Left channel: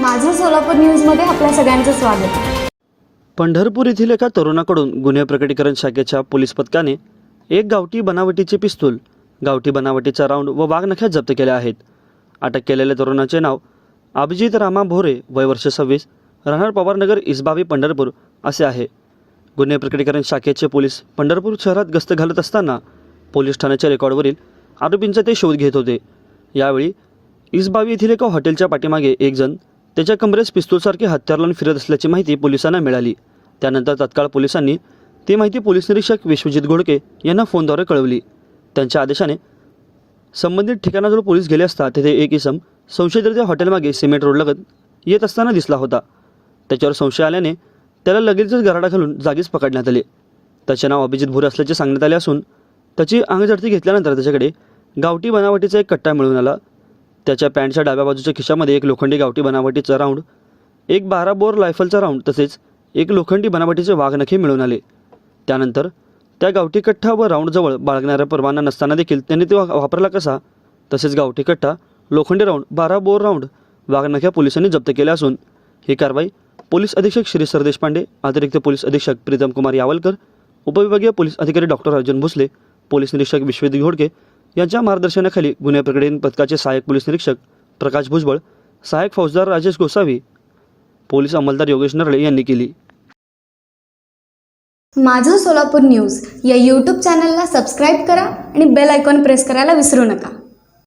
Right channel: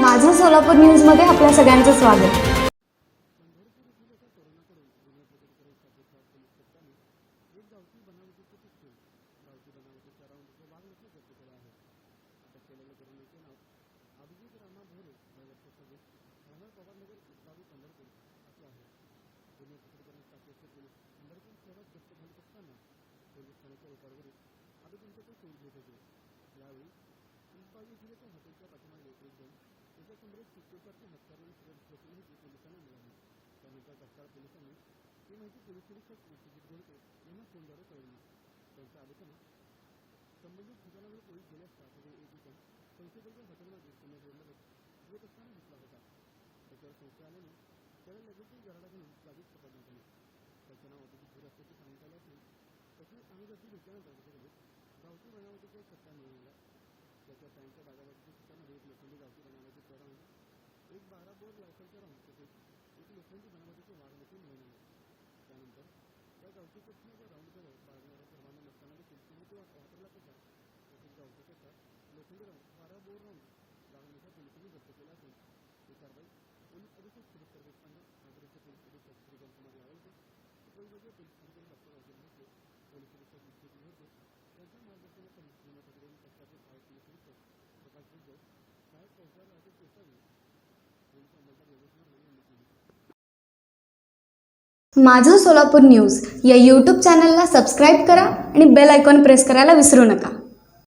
माझं सोलापूर न्यूजमध्ये आपल्या सगळ्यांचं स्वागत. पंढरपूर येथील एका तरुणाकडून गुन्हे प्रकटीकरण शाखेच्या पोलीस पथकाने एक गावठी बनावटीचे पिस्तूल गावठी बनावटीचा राऊंड व वाघनख्या जप्त केल्या आहेत. अटक केलेल्या तरुणाचे नाव अभिजित रामा भोरे वय वर्ष सव्वीस राहणार पवारनगर इसबावी पंढरपूर असे आहे. गुन्हे प्रकटीकरण शाखेचे पोलीस पंढरपूर शहरात गस्त घालत असताना पोलीस ठाण्याच्या रेकॉर्डवरील आरोपींचा ते शोध घेत होते. यावेळी इसबावी येथील एका हॉटेलच्या पाठीमागे एक जण त्याच्या कमरेस पिस्तूलसारखे हत्यार लावून फिरत असल्याची माहिती पोलिसांना मिळाली. त्यानंतर तत्काळ पोलिसांनी ती माहिती पोलीस निरीक्षक विश्वजित घोडके यांना फोनद्वारे कळवली. त्यांच्या आदेशाने संबंधित ठिकाणाजवळ पोलीस गेले असता तेथे एक इसम संशयिताच्या हॉटेलमागे सिमेंट रोडलगत येत असताना दिसला होता. त्याच्यावर संशय आल्याने त्याला लगेचच गराडा घालून जागीच पकडण्यात आले. त्याचे नाव अभिजित भोरे असल्याचे सांगण्यात आले असून त्याची अंगझडती घेतल्यानंतर त्याच्याकडे गावठी बनावटीचा एक कट्टा मिळून आला. त्याच्या पॅन्टच्या डाव्या बाजूच्या खिशामध्ये एक लोखंडी गावठी बनावटीचा राऊंड एक बारा बोर रायफलचा राऊंड तसेच एक लोखंडी बनावटीचे वाघनखे मिळून आले. त्यानंतर त्या गावठी कट्टा व राऊंडजवळ बाळगणाऱ्या परवाना नसताना देखील त्यांनी ते वापरला कसा? तसेच गावठी कट्टा लोखंडी राऊंड बारा बोर राऊंड वाघनख्या पोलिसांनी जप्त केल्या असून ही कारवाई पोलीस अधीक्षक श्री सरदेश पांडे अतिरिक्त पोलीस अधीक्षक प्रीतम कुमार यावलकर उपविभागीय पोलीस अधिकारी डॉक्टर अर्जुन भोसले पोलीस निरीक्षक विश्वजित घोडके यांच्या मार्गदर्शनाखाली गुन्हे प्रकटीकरण पथकाचे सहाय्यक पोलीस निरीक्षक प्रकाश भुजबळ सहाय्यक फौजदार राजेश गोसावी पोलीस अंमलदार योगेश नरळे यांनी केली. माझं सोलापूर न्यूज या यूट्यूब चॅनलला सबस्क्राईब करा आणि बेल आयकॉन प्रेस करायला विसरू नका.